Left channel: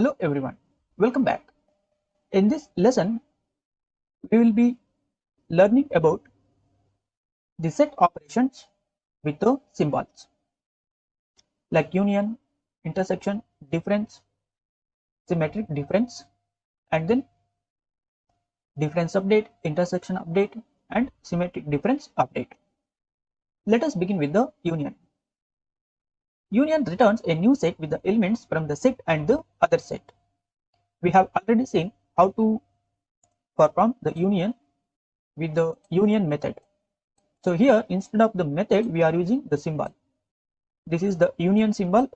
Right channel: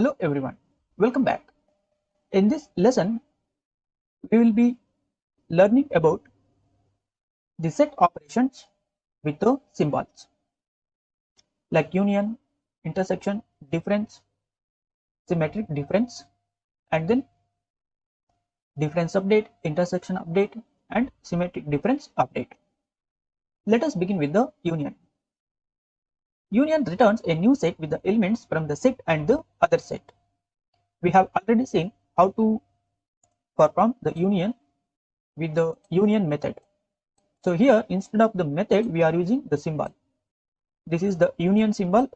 Hello everyone, welcome back. In this lesson, we will be learning about the set operations with the symbols like union, intersection, difference, symmetric difference, and then difference update, intersection update, and symmetric difference update. Let us begin with the union. Union returns a new set with the elements from the set and the other set. We have already seen how to perform the union with the union method. So here, instead of the method, we are using the symbol. This is the union symbol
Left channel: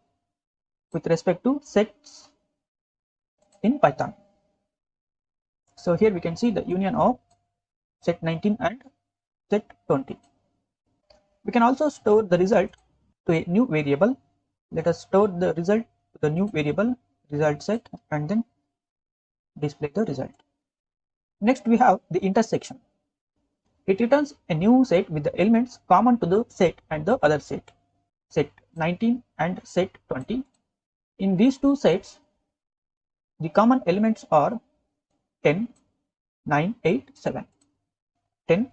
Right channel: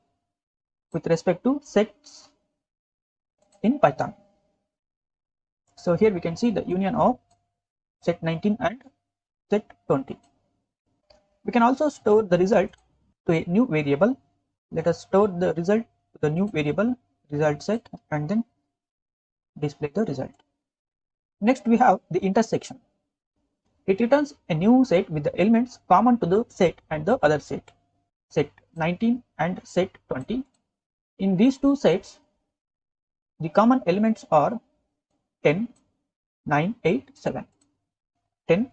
with respect to sets in Python. So here we can see the union of set 19 and set 20. We can also store the result to a new variable. Let us store the result to the new variable result set and then display the result. Next we have the intersection. It returns a new set with the elements common to the set and the other set, set 19 and set 20. In these two sets, the common elements are 10, 9, 8, 7. 10,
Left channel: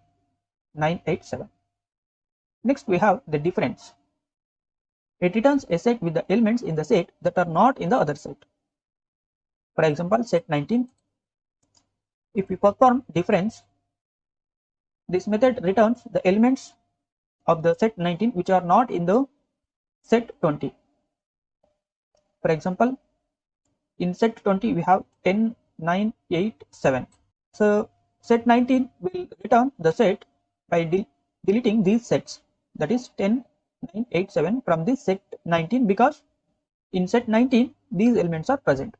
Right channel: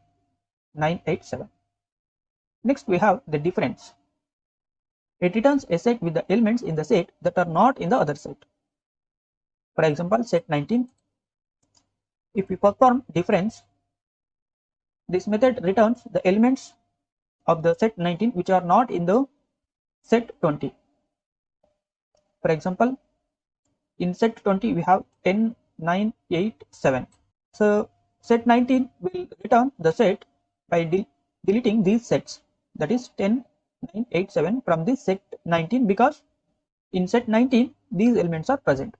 9, 8, 7. Next we have the difference. It returns a set with the elements in the set that are not in the other set. For example, set 19. If we perform difference, this method returns the elements of the set 19 which are not in the set 20. For example, in set 20 we have 10, 9, 8, 7. So set 19 will return the set by deleting these sets, that is 10, 9, 8, 7 from this set 19, because in set 19 these elements are present.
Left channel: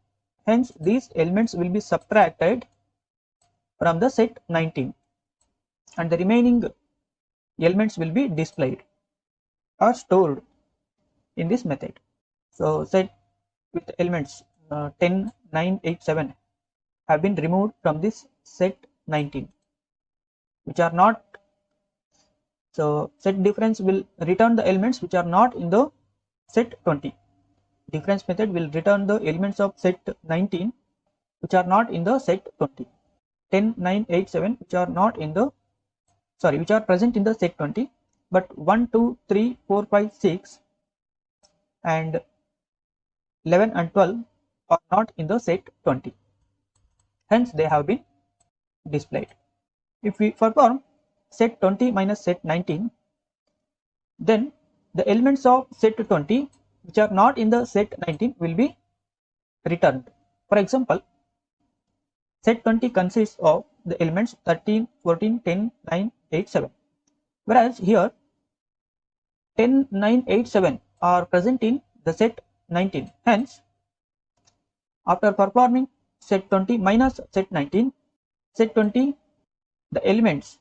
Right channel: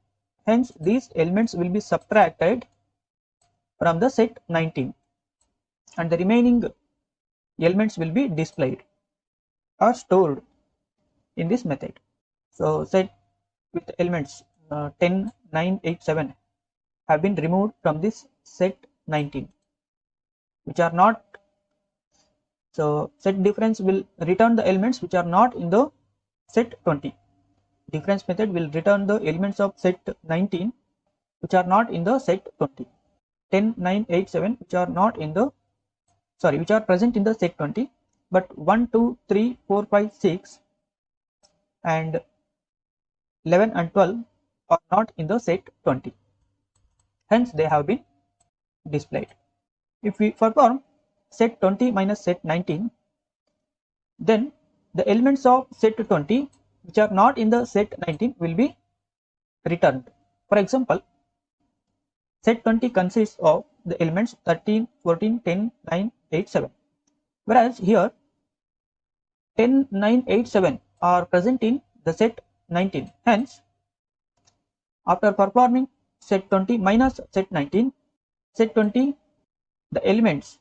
Hence these elements will be subtracted from the set 19 and the remaining elements will be displayed or stored in this method. So set with elements 10, 9, 8, 7 have been removed from this set 19 which are not. So set difference will return the elements which are not in the set 20. Difference method will return the elements of set 19 which are not in the set 20. 10, 9, 8, 7 which are not in the which are present in the set 20, but 1, 2, 3, 4, 5, 6 and 11 and 12 are not in the set 20. Hence they have been displayed. If we perform set 20 minus set 19, then the elements of set 20 which are not in the set 19 will be returned. For example, set 20 consists of the elements 13, 14, 10, 9, 8, 7. Whereas here 10, 9, 8, 7 are present in the set 19. Hence, after performing set 20 minus set 19, set 20, the elements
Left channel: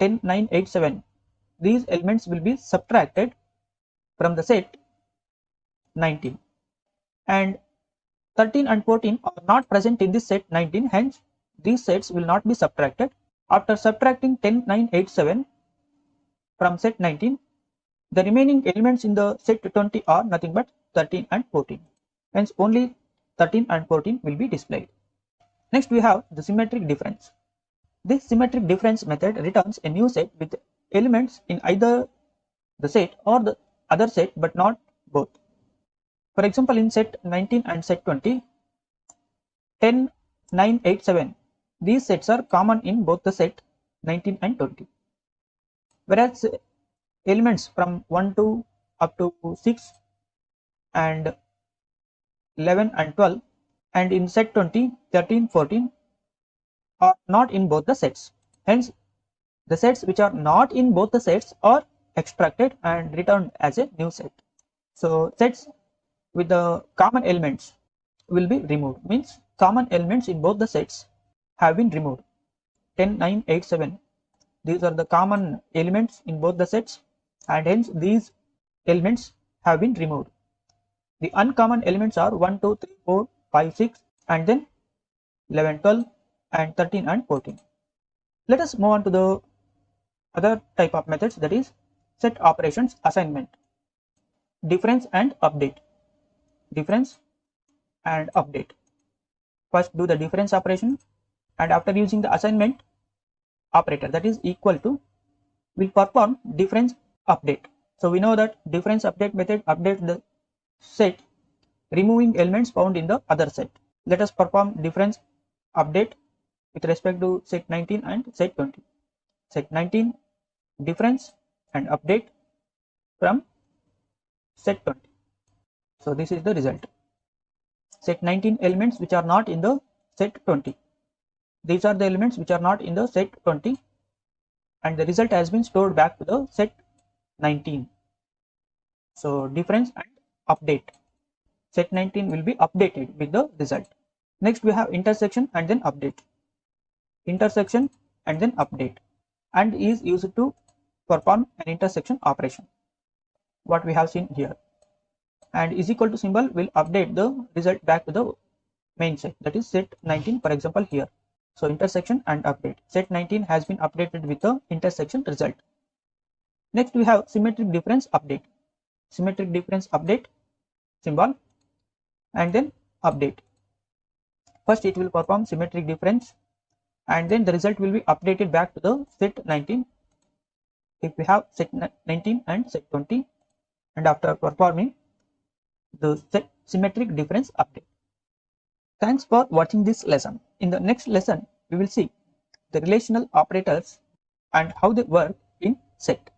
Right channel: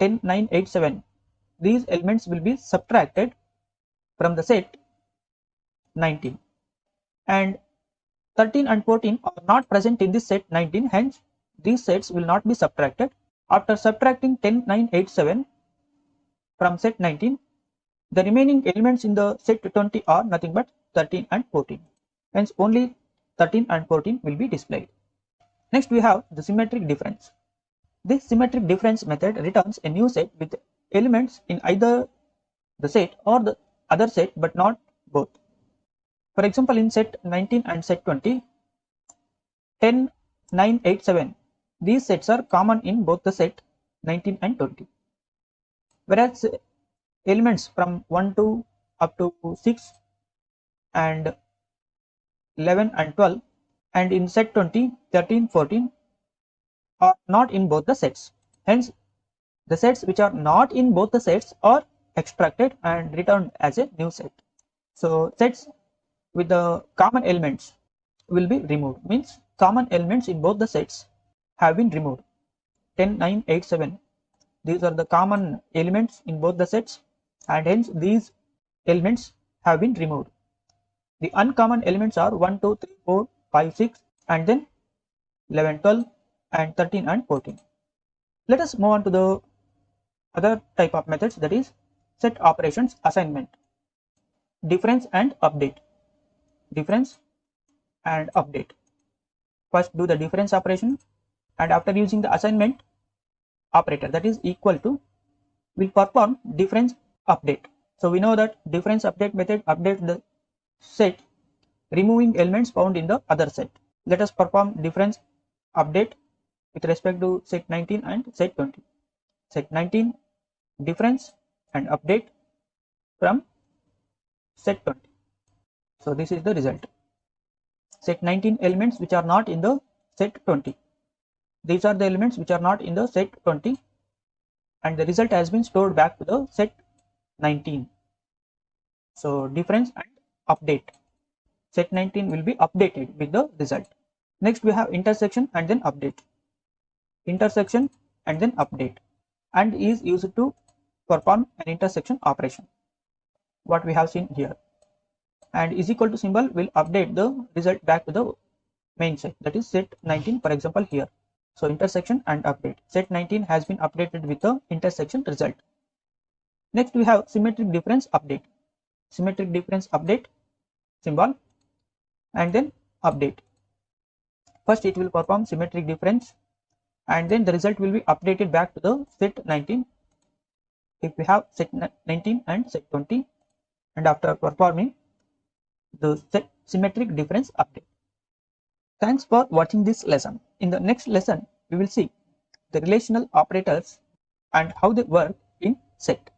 10, 9, 8, 7, these elements will be subtracted from the set 19. And 13 and 14 are not present in this set 19, hence these sets will not be subtracted. After subtracting 10, 9, 8, 7 from set 19, the remaining elements in the set 20 are nothing but 13 and 14. Hence only 13 and 14 will be displayed. Next we have the symmetric difference. This symmetric difference method returns a new set with elements in either the set or the other set but not both. For example, in set 19 and set 20, 10, 9, 8, 7, these sets are common in both the set 19 and 20. Whereas elements from 1 to up to 6 and 11 and 12 and in set 20, 13, 14 are not in both the sets. Hence, the sets which are not in both the sets are extracted and returned as a new set. So sets with the common elements will be removed, means common elements in both the sets have been removed. 10, 9, 8, 7, these are the common elements in both the sets and hence these elements have been removed. The uncommon elements are 1, 2, 3, 4, 5, 6 and then 11, 12 and 13 and 14. Let us move on to the other type of methods, that is set operations assignment, difference and update. Difference and update. First do the difference operation, and after using the assignment operator, that is equal to, will perform difference update. So we know that difference update method updates the set removing elements found in the other set. Let us perform difference update with respect to set 19 and set 20. Set 19 difference and update from set 20. So this is the result. Set 19 elements which are not in the set 20. These are the elements which are not in the set 20, and the result has been stored back to the set 19. So difference and update. Set 19 will be updated with the result. Next we have intersection and then update. Intersection and then update, and is used to perform an intersection operation, what we have seen here. And is equal to symbol will update the result back to the main set, that is set 19, for example here. So intersection and update. Set 19 has been updated with the intersection result. Next we have symmetric difference update. Symmetric difference update symbol and then update. First it will perform symmetric difference, and then the result will be updated back to the set 19 if we have set 19 and set 20, and after performing the set symmetric difference update. Thanks for watching this lesson. In the next lesson we will see the relational operators and how they work in set.